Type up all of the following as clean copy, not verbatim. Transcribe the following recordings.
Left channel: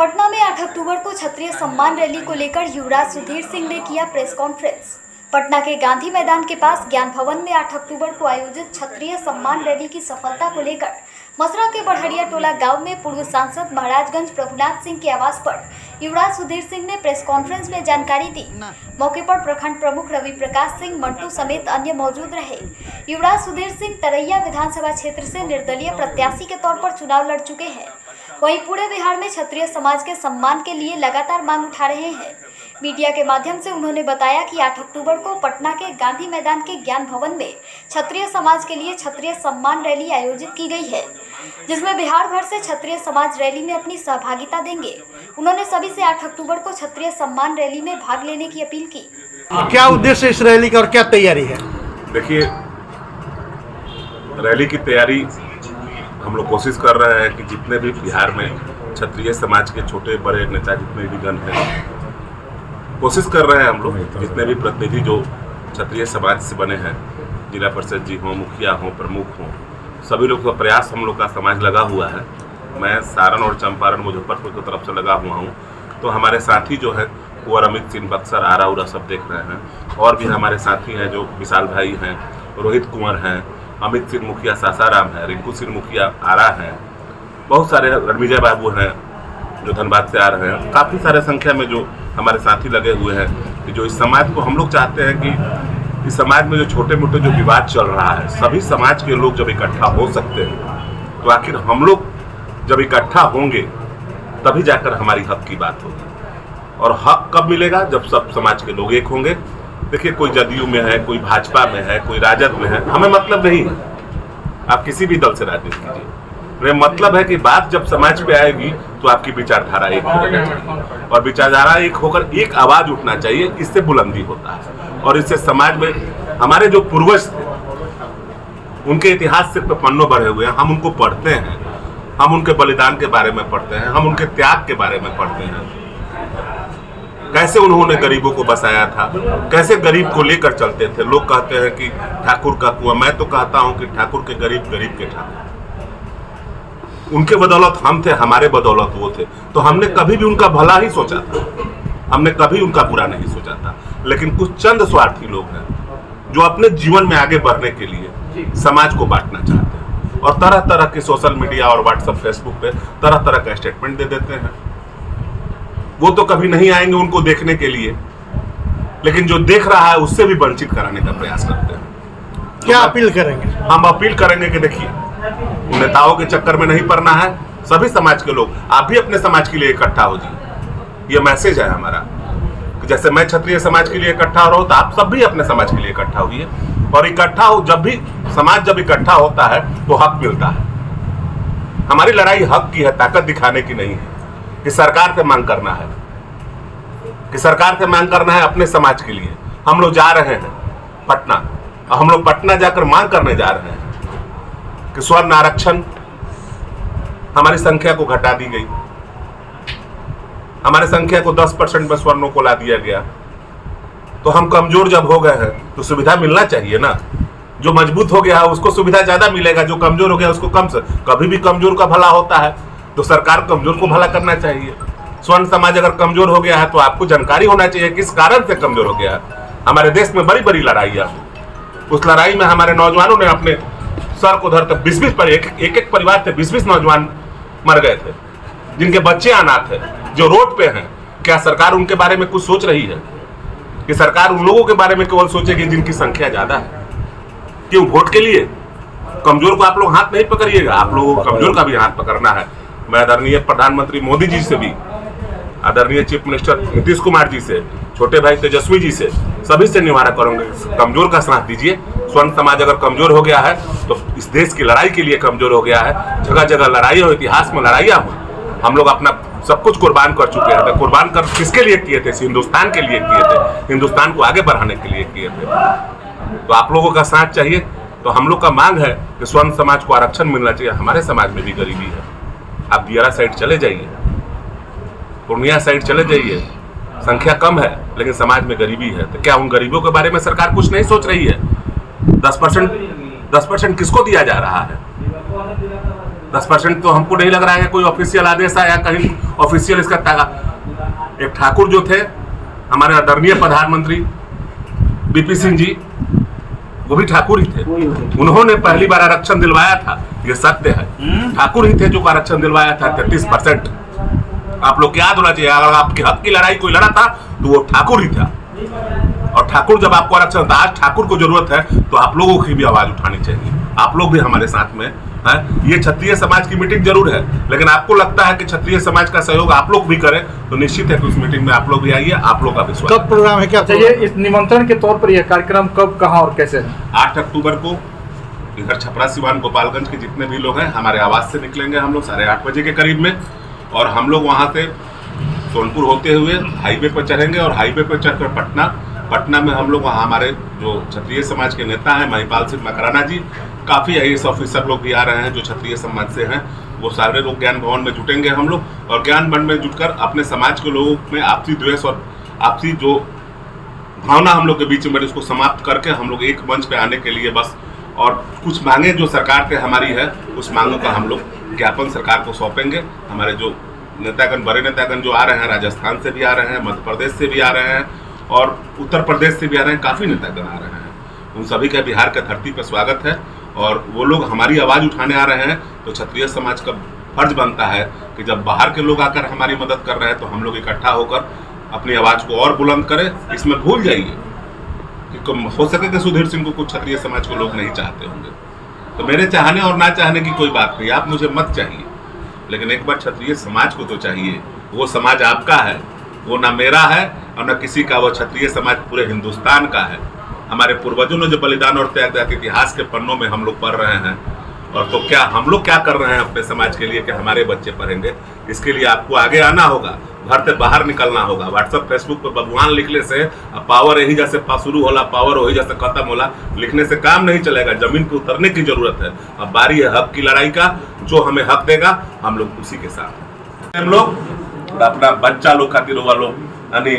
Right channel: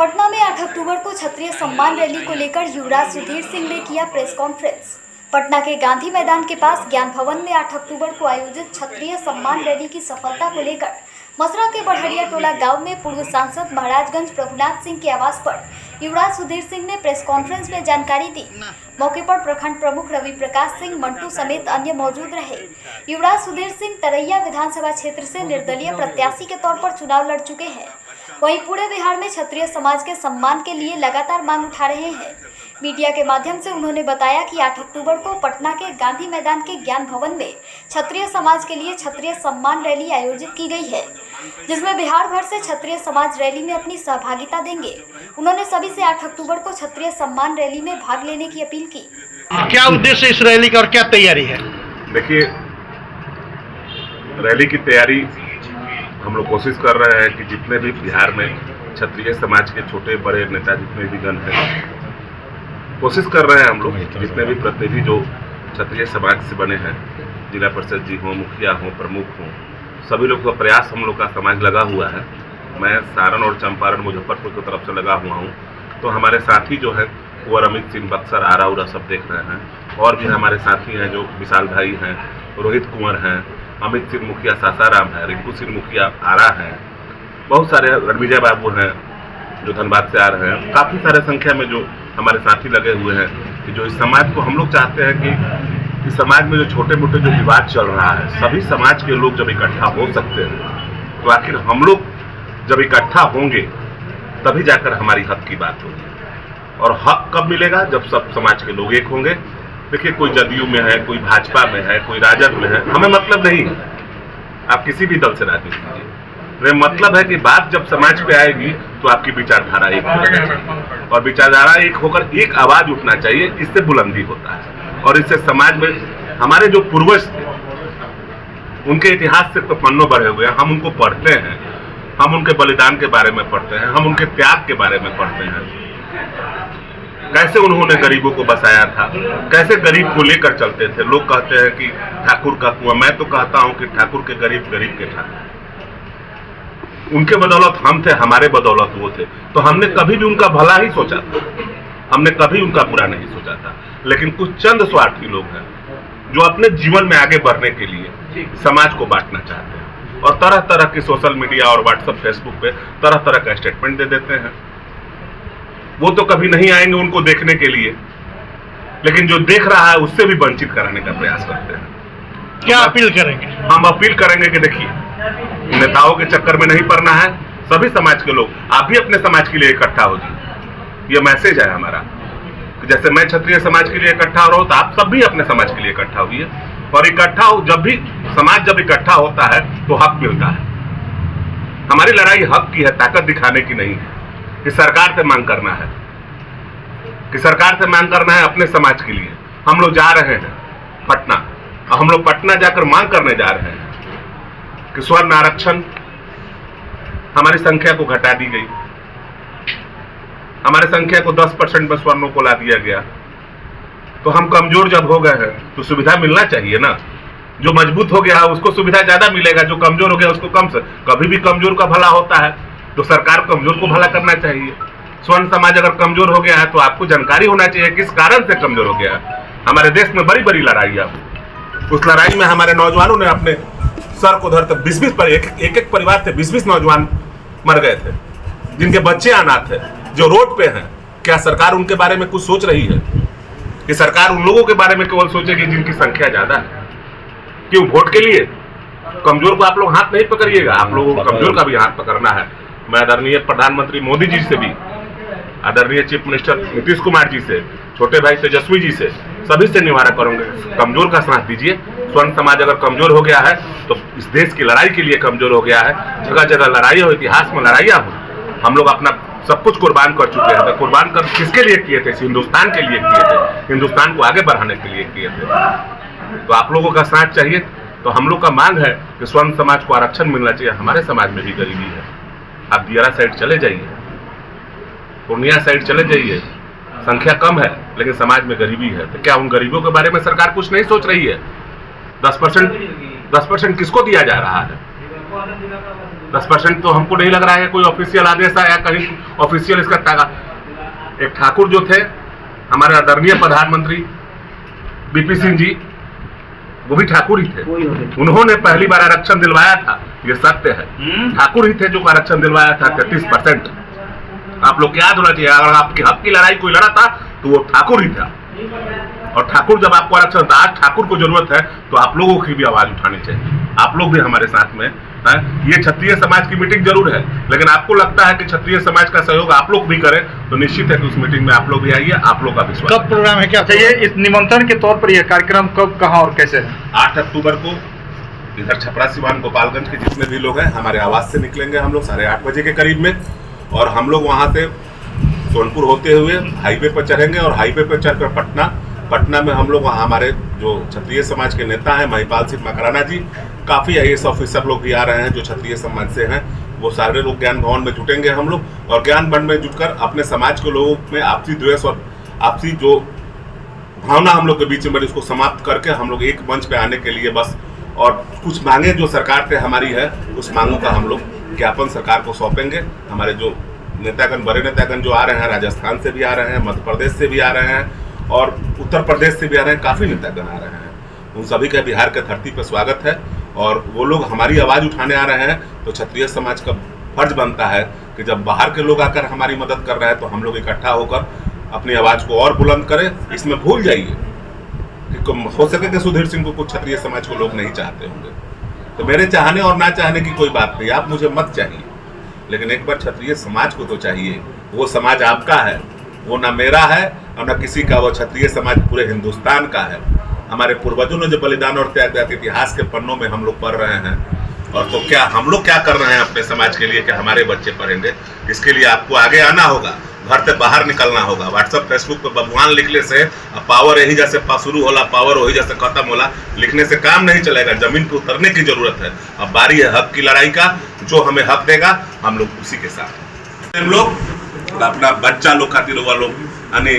पटना में 8 अक्टूबर को क्षत्रिय सम्मान रैली को लेकर युवराज सुधीर सिंह ने किया प्रेस कॉन्फ्रेंस। पटना के गांधी मैदान के पास ज्ञान भवन में 8 अक्टूबर को आयोजित क्षत्रिय सम्मान रैली की सफलता को लेकर मसरा के बढ़िया टोला गांव में पूर्व सांसद महाराजगंज प्रभुनाथ सिंह के आवास पर युवराज सुधीर सिंह ने प्रेस कॉन्फ्रेंस में जानकारी दी। मौके पर प्रखंड प्रमुख रवि प्रकाश सिंह मंटू समेत अन्य मौजूद रहे। युवराज सुधीर सिंह तरैया विधानसभा क्षेत्र से निर्दलीय प्रत्याशी के तौर पर चुनाव लड़ चुके हैं। वहीं पूरे बिहार में क्षत्रिय समाज के सम्मान के लिए लगातार मांग उठा रहे हैं। मीडिया के माध्यम से उन्होंने बताया कि 8 अक्टूबर को पटना के गांधी मैदान के ज्ञान भवन में क्षत्रिय समाज के लिए क्षत्रिय सम्मान रैली आयोजित की गई है, जिसमें बिहार भर से क्षत्रिय समाज रैली में अपनी सहभागिता देंगे। उन्होंने सभी से 8 अक्टूबर को क्षत्रिय सम्मान रैली में भाग लेने की अपील की। क्या उद्देश्य इस रैली का और क्या तैयारी है? देखिए, रैली की तैयारी हम लोग कोशिश कर रहे हैं कि जितने भी बिहार में क्षत्रिय समाज के छोटे बड़े नेता जितने भी गण हैं, कोशिश कर रहे हैं हम लोग जितने भी प्रतिनिधि जो क्षत्रिय समाज से बने हैं, जिला परिषद जी हों, मुखिया हों, प्रमुख हों, सभी लोग का प्रयास हम लोग का समाज लगा हुआ है। मैं सारण और चंपारण मुजफ्फरपुर की तरफ से लगा हुआ हूँ, तो हमारे साथी जो है वो अमित सिंह बक्सर आरा उरा सब देख रहे हैं। और भी हमारे साथी हैं जो विशाल भाई हैं, रोहित कुंवर हैं, अमित सिंह मुखिया सासाराम है, रिंकू सिंह मुखिया आरा हैं, बहुत सारे रणविजय बाबू हैं जो धनबाद से आ रहे हैं। काफ़ी सारे संख्या में जो हमारे साथी लगे हुए हैं कि जो इस समाज को हम लोग चाहते हैं कि इस समाज में जो छोटे मोटे जो विवाद चल रहा है, सभी समाज के लोग जब इकट्ठा हो सकते हैं, तो आखिर हम लोग जब इकट्ठा होंगे तभी जाकर हमारी हक की बात होगी। और हक कब मिलेगा? जब सब समाज के लोग एक होंगे। देखिए, कोई जदयू में है, कोई भाजपा में है, कोई राजद में है, हमें मतलब नहीं है। आप किसी भी दल से राजनीति कीजिए, मतलब है कि बात जब समाज पे आएगी तो आपकी विचारधारा एक होना चाहिए, और विचारधारा एक होकर एक आवाज उठना चाहिए। इससे बुलंदी होता है और इससे समाज में हमारे जो पूर्वज थे उनके इतिहास से तो पन्नों भरे हुए हैं। हम उनको पढ़ते हैं, हम उनके बलिदान के बारे में पढ़ते हैं, हम उनके त्याग के बारे में पढ़ते हैं। कैसे उन्होंने गरीबों को बसाया था, कैसे गरीब को लेकर चलते थे। लोग कहते हैं कि ठाकुर का कुआं, मैं तो कहता हूं कि ठाकुर के गरीब, गरीब के ठाकुर। उनके बदौलत हम थे, हमारे बदौलत वो थे। तो हमने कभी भी उनका भला ही सोचा था, हमने कभी उनका बुरा नहीं सोचा था। लेकिन कुछ चंद स्वार्थी लोग हैं जो अपने जीवन में आगे बढ़ने के लिए समाज को बांटना चाहते हैं और तरह तरह के सोशल मीडिया और व्हाट्सएप फेसबुक पे तरह तरह का स्टेटमेंट दे देते हैं। वो तो कभी नहीं आएंगे उनको देखने के लिए, लेकिन जो देख रहा है उससे भी वंचित कराने का प्रयास करते हैं। क्या अपील करेंगे? हम अपील करेंगे कि देखिए, नेताओं के चक्कर में नहीं पड़ना है। सभी समाज के लोग, आप भी अपने समाज के लिए इकट्ठा हो जाइए। ये मैसेज है हमारा कि जैसे मैं क्षत्रिय समाज के लिए इकट्ठा हो रहा हूं, तो आप सब भी अपने समाज के लिए इकट्ठा होइए। और इकट्ठा हो, जब भी समाज जब इकट्ठा होता है तो हक मिलता है। हमारी लड़ाई हक की है, ताकत दिखाने की नहीं है कि सरकार से मांग करना है, कि सरकार से मांग करना है अपने समाज के लिए। हम लोग जा रहे हैं पटना, और हम लोग पटना जाकर मांग करने जा रहे हैं कि स्वर्ण आरक्षण हमारी संख्या को घटा दी गई, हमारी संख्या को 10% में स्वर्णों को ला दिया गया। तो हम कमजोर जब हो गए हैं तो सुविधा मिलना चाहिए ना। जो मजबूत हो गया है उसको सुविधा ज्यादा मिलेगा, जो कमजोर हो गया उसको कम से। कभी भी कमजोर का भला होता है, तो सरकार कमजोर को भला करना चाहिए। स्वर्ण समाज अगर कमजोर हो गया है तो आपको जानकारी होना चाहिए किस कारण से कमजोर हो गया है। हमारे देश में बड़ी बड़ी लड़ाइयां, उस लड़ाई में हमारे नौजवानों ने अपने सर को धर तक 20-20 पर एक परिवार से 20-20 नौजवान मर गए थे, जिनके बच्चे अनाथ थे, जो रोड पे हैं। क्या सरकार उनके बारे में कुछ सोच रही है? कि सरकार उन लोगों के बारे में केवल सोचेगी जिनकी संख्या ज्यादा है? क्यों? वोट के लिए? कमजोर को आप लोग हाथ नहीं पकड़िएगा, आप लोगों को कमजोर का भी हाथ पकड़ना है। मैं आदरणीय प्रधानमंत्री मोदी जी से भी, आदरणीय चीफ मिनिस्टर नीतीश कुमार जी से, छोटे भाई तेजस्वी जी से, सभी से निवारण करूंगे, कमजोर का साथ दीजिए। स्वर्ण समाज अगर कमजोर हो गया है तो इस देश की लड़ाई के लिए कमजोर हो गया है। जगह जगह लड़ाई हो, इतिहास में लड़ाइयाँ हुई, हम लोग अपना सब कुछ कुर्बान कर चुके हैं। कुर्बान कर किसके लिए किए थे? हिंदुस्तान के लिए किए थे, हिंदुस्तान को आगे बढ़ाने के लिए किए थे। तो आप लोगों का साथ चाहिए। तो हम लोग का मांग है कि स्वर्ण समाज को आरक्षण मिलना चाहिए। हमारे समाज में भी गरीबी है। आप दियारा साइड चले जाइए, पूर्णिया साइड चले जाइए, संख्या कम है लेकिन समाज में गरीबी है। तो क्या उन गरीबों के बारे में सरकार कुछ नहीं सोच रही है? 10% किसको दिया जा रहा है? 10% तो हमको नहीं लग रहा है कोई ऑफिशियल आदेश आया कहीं ऑफिशियल इसका एक ठाकुर जो थे हमारे आदरणीय प्रधानमंत्री बीपी सिंह जी, वो भी ठाकुर ही थे। उन्होंने पहली बार आरक्षण दिलवाया था, ये सत्य है। ठाकुर ही थे जो आरक्षण दिलवाया था 33%। आप लोग याद होना चाहिए, अगर आपके हक की लड़ाई कोई लड़ा था तो वो ठाकुर ही था। और ठाकुर जब आपको आरक्षण था, आज ठाकुर को जरूरत है तो आप लोगों की भी आवाज उठानी चाहिए। आप लोग भी हमारे साथ में हैं। ये क्षत्रिय समाज की मीटिंग जरूर है, लेकिन आपको लगता है कि क्षत्रिय समाज का सहयोग आप लोग भी करें तो निश्चित है कि उस मीटिंग में आप लोग भी आइए। आप लोग का विश्वास। कब प्रोग्राम है, क्या चाहिए इस निमंत्रण के तौर पर यह कार्यक्रम कब, कहां और कैसे है? 8 अक्टूबर को इधर छपरा सिवान गोपालगंज के जितने भी लोग हैं हमारे आवास से निकलेंगे हम लोग 8:30 बजे के करीब में, और हम लोग वहाँ से सोनपुर होते हुए हाईवे पर चढ़ेंगे और हाईवे पर चढ़कर पटना में हम लोग वहाँ हमारे जो क्षत्रिय समाज के नेता हैं महिपाल सिंह मकराना जी, काफ़ी IAS ऑफिसर लोग भी आ रहे हैं जो क्षत्रिय समाज से हैं, वो सारे लोग ज्ञान भवन में जुटेंगे हम लोग, और ज्ञान भवन में जुटकर अपने समाज के लोगों में आपसी द्वेष और आपसी जो भावना हम लोग के बीच में उसको समाप्त करके हम लोग एक मंच पे आने के लिए बस, और कुछ मांगे जो सरकार से हमारी है उस मांगों का हम लोग ज्ञापन सरकार को सौंपेंगे। हमारे जो नेतागण, बड़े नेतागण जो आ रहे हैं, राजस्थान से भी आ रहे हैं, मध्य प्रदेश से भी आ रहे हैं और उत्तर प्रदेश से भी आ रहे हैं, काफ़ी नेतागण आ रहे हैं। उन सभी का बिहार के धरती पर स्वागत है, और वो लोग हमारी आवाज़ उठाने आ रहे हैं तो क्षत्रिय समाज का फर्ज बनता है कि जब बाहर के लोग आकर हमारी मदद कर रहे हैं तो हम लोग इकट्ठा होकर अपनी आवाज़ को और बुलंद करें। इसमें भूल जाइए कि हो सके कि सुधीर सिंह को कुछ क्षत्रिय समाज को लोग नहीं चाहते होंगे, तो मेरे चाहने और ना चाहने की कोई बात नहीं, आप मुझे मत चाहिए, लेकिन एक बार क्षत्रिय समाज को तो चाहिए। वो समाज आपका है, वो ना मेरा है और ना किसी का, वो क्षत्रिय समाज पूरे हिंदुस्तान का है। हमारे पूर्वजों ने जो बलिदान और त्याग दिया, इतिहास के पन्नों में हम लोग पढ़ रहे हैं, और तो क्या हम लोग क्या कर रहे हैं अपने समाज के लिए कि हमारे बच्चे पढ़ेंगे। इसके लिए आपको आगे आना होगा, घर से बाहर निकलना होगा। व्हाट्सएप फेसबुक पर बबुआन लिखने से पावर यही जैसे शुरू होला, पावर वही जैसे खत्म होला, लिखने से काम नहीं चलेगा, जमीन पर उतरने की जरूरत है। अब बारी है हक की लड़ाई का, जो हमें हक देगा हम लोग उसी के साथ। हम लोग अपना बच्चा लोग खातिर हुआ लोग यानी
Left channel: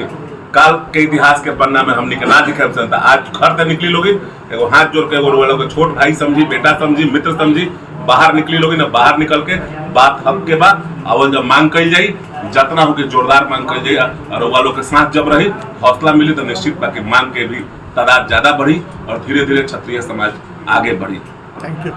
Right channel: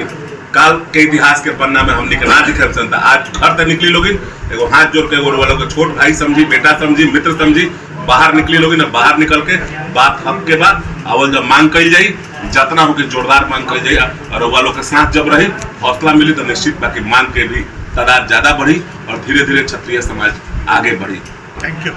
काल के इतिहास के पन्ना में हम निकलना दिखे जनता आज घर से निकली लोगी, एगो हाथ जोड़ के एगो वालों को छोट भाई समझी, बेटा समझी, मित्र समझी, बाहर निकली लोगी ना, बाहर निकल के बात हक के बाद अवल जब मांग करी जाई, जितना हो के जोरदार मांग करी जाई, और वालों के साथ जब रही हौसला मिली तो निश्चित बाकी मांग के भी तादाद ज्यादा बढ़ी और धीरे धीरे क्षत्रिय समाज आगे बढ़ी। Thank you.